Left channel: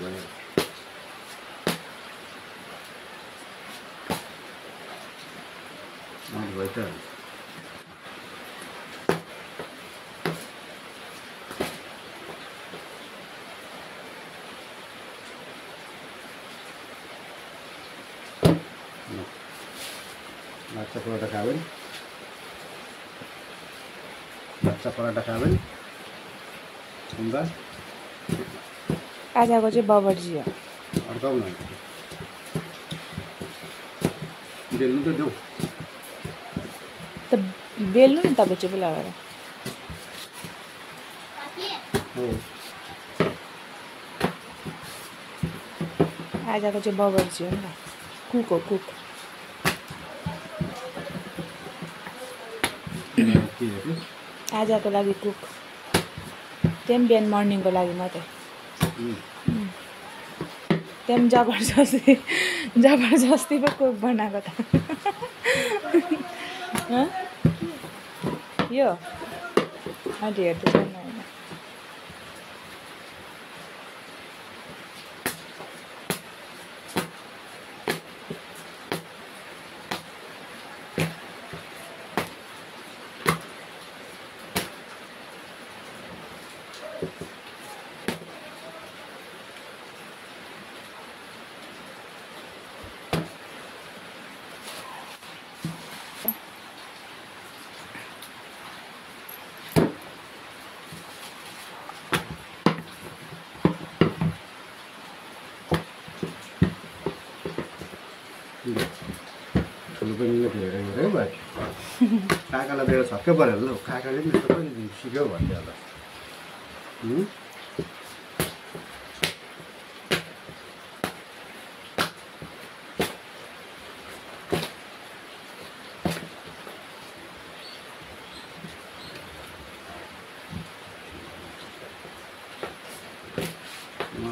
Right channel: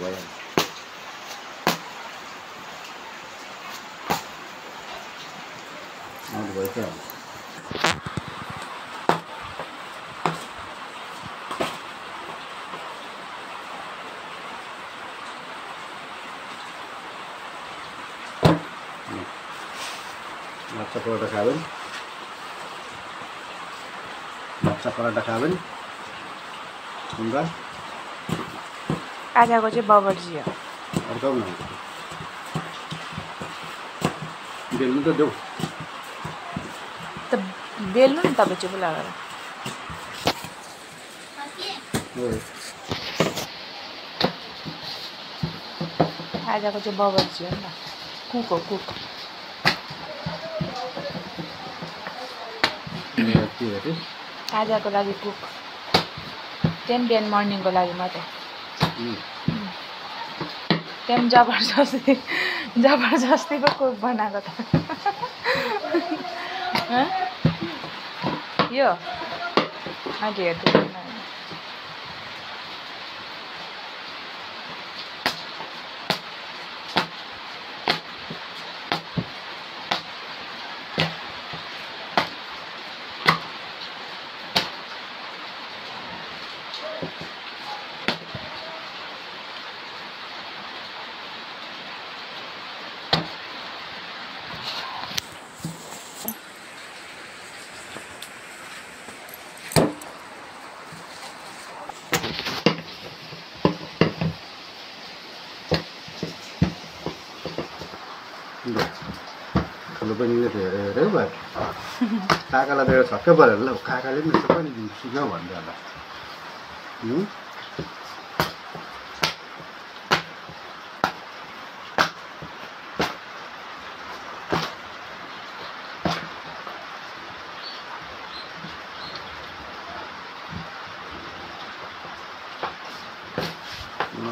भयो त माछा पराठा खाবেন माछा पराठा खाবেন सुन्दा आजको चाहिँ बबरजी हो अर्काउ न बेल्नु त देऊ त बेल्नु नि तपाईँ चुप लगाएर आजको चाहिँ बबरजी हो नि त कुक हो कुक आजको लागि कुक त्यही बिहान मर्निङको लागि मात्रै त्यही जबरजस्ती पो कुक बनाएको त यो अहिले हेर्दैछ ठुलो बहिनीले त हेऱ्यो हेऱ्यो भयो काकालाई दिएर छक्कै पऱ्यो ल काकाले पनि यसो पनि सिक्यो भन्दै होला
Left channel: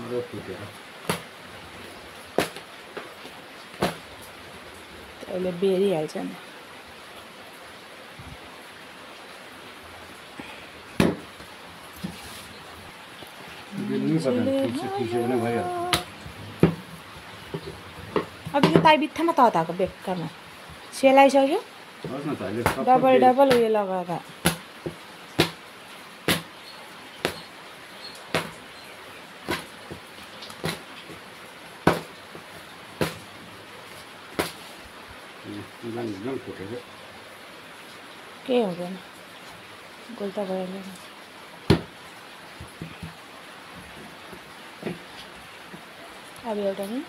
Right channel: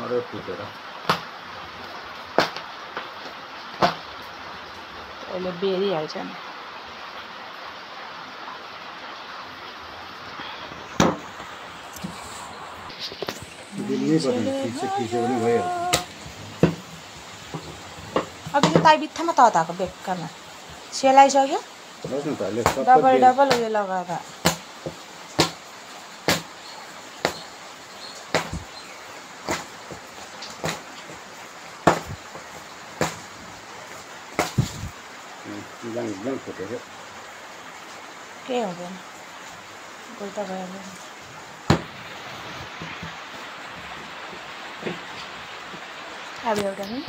अरे फुटेर अहिले बेरिहाल्छ नि अघि त ताई बित्थामा तताएको बेक्कामा सेलाइसक्यो डबल डबल उयो लगाएर फुटेको केही हुँदैन गोल्टा गएर अब एउटा नि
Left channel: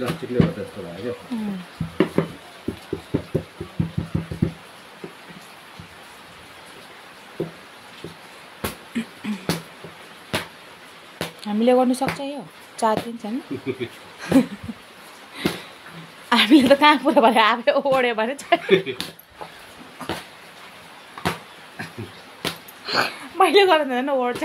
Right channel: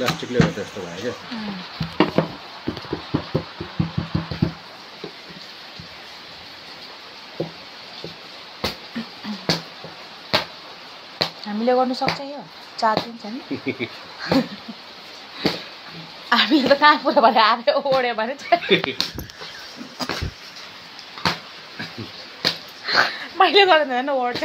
प्लास्टिकले गर्दा यस्तो भयो क्या हामीले गर्नु सक्छ यो 4 दिन छ नि हामीले त कहाँ पुरा भने आफै ओड्यो भने मैले गर्नु हेर्नु ओड्छ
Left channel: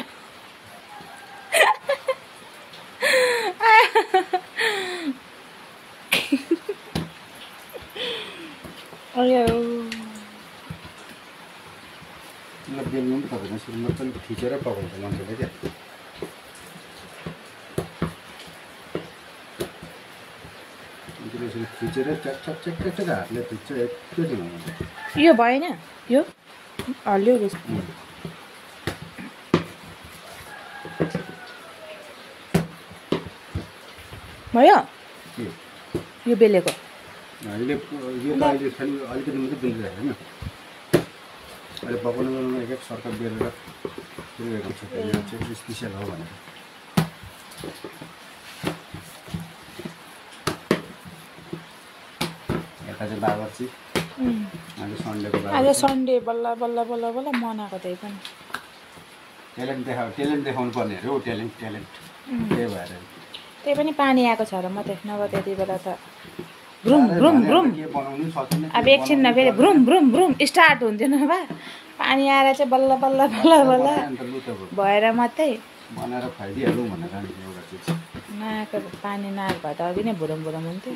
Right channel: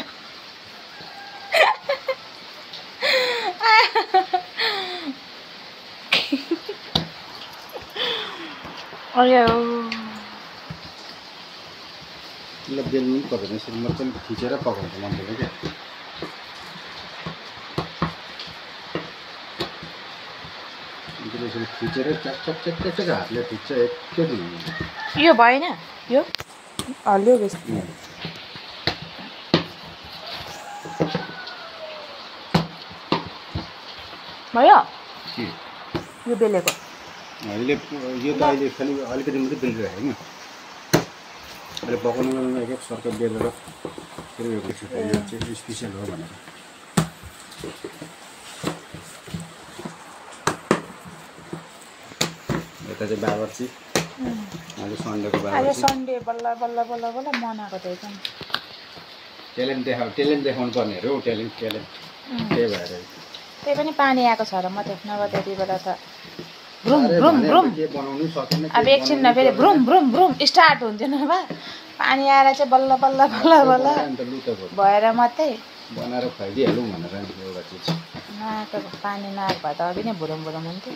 अरे बेल्नु पनि पर्दैन यसरी मजाले खिचेर पकाउँछ मान्छेले क्या यसरी खिचेर च्याक हातले खिच्छ एकैछिन यो भएन यो हल्लियो बेस भयो यो बेलेको अहिले यो त अहिले खालि अलिकति मात्रै बेलिरहेको होइन अहिले पकाउनुमा एक सर्कल बेलेर स्पेसियल हो भनेर यता चाहिँ बाबरची आज सन्डेको आज सन्डे बल्ल बल्ल बल्ल बल्ल मनाएको त्यही पनि ट्यालेन्ट देखाउनु पर्ने अरे हौ ट्यालेन्ट त्यही भएर त्यही पनि पानी आएको छ र मात्रै नभए त्यति बेला त भ्रुम भ्रुम भ्रुम के बनाउनु सकिन अब एकछिनमा फेरि भ्रुम भ्रुम भ्रुम स्टार्ट हुन्थ्यो नभए पानी आएर चाहिँ बल्ल बल्ल बल्ल बल्ल भएर मात्रै बनाएर खुवाइदिइहालौँ भनेर एउटा चिज नाकको पानी नआएको भए त अघि नै भुरुम भुरुम हुन्थ्यो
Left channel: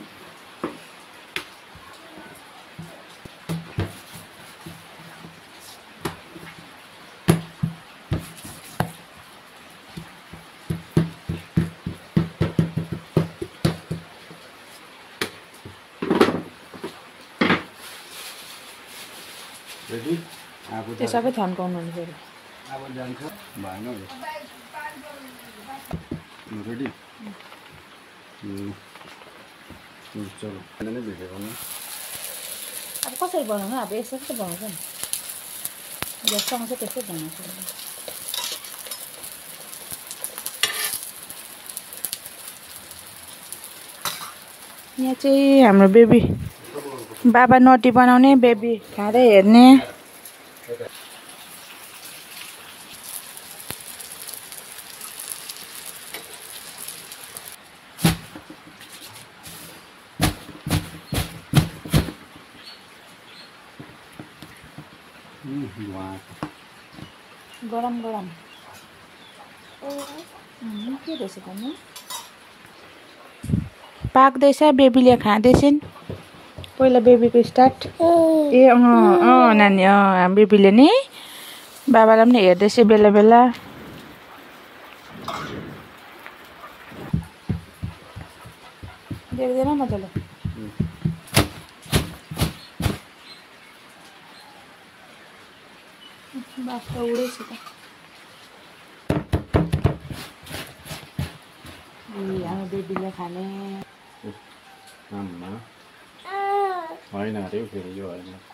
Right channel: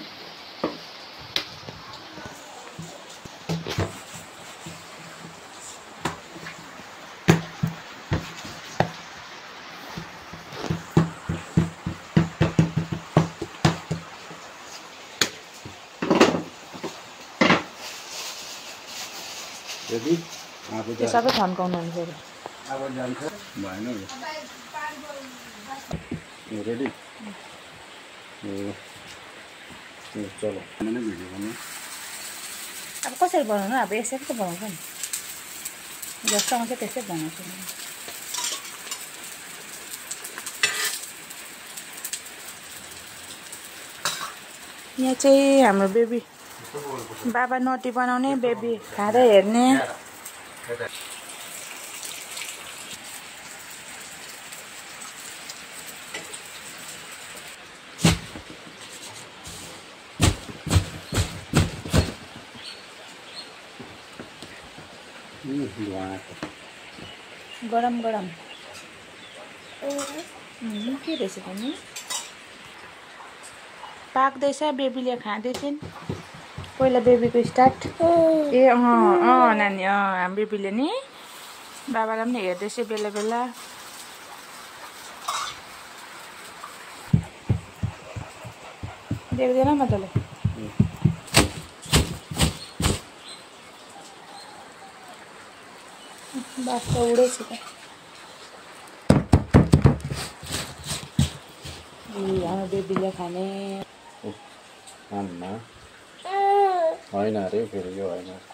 रेडी त्यो सबै थन्काउनु हुन्छ फेरि अब जान्छ भएन रेडी चलो नै भिडियो गर्नु अब कसरी बनाउनु अब यसरी त बनाउँछ नि जसँग चाहिँ त्यस्तै बनाउँछु यहाँ चाहिँ हाम्रो बेबी बाबा नटी बनाउने बेबी खाँदै हेर्ने गरम गरम के रहेछ भन्नु पाक्दैछ बेबीले खाँदैछन् पहिला बेबीको स्टार्ट ए नानी बेबीले नि बाबालाई पनि हेर्दैछ बेला बेला देख्दैन मजाले बाफ त उडेछ त हाम्रो बेबीले खाने होइन अरे फेरि यो होइन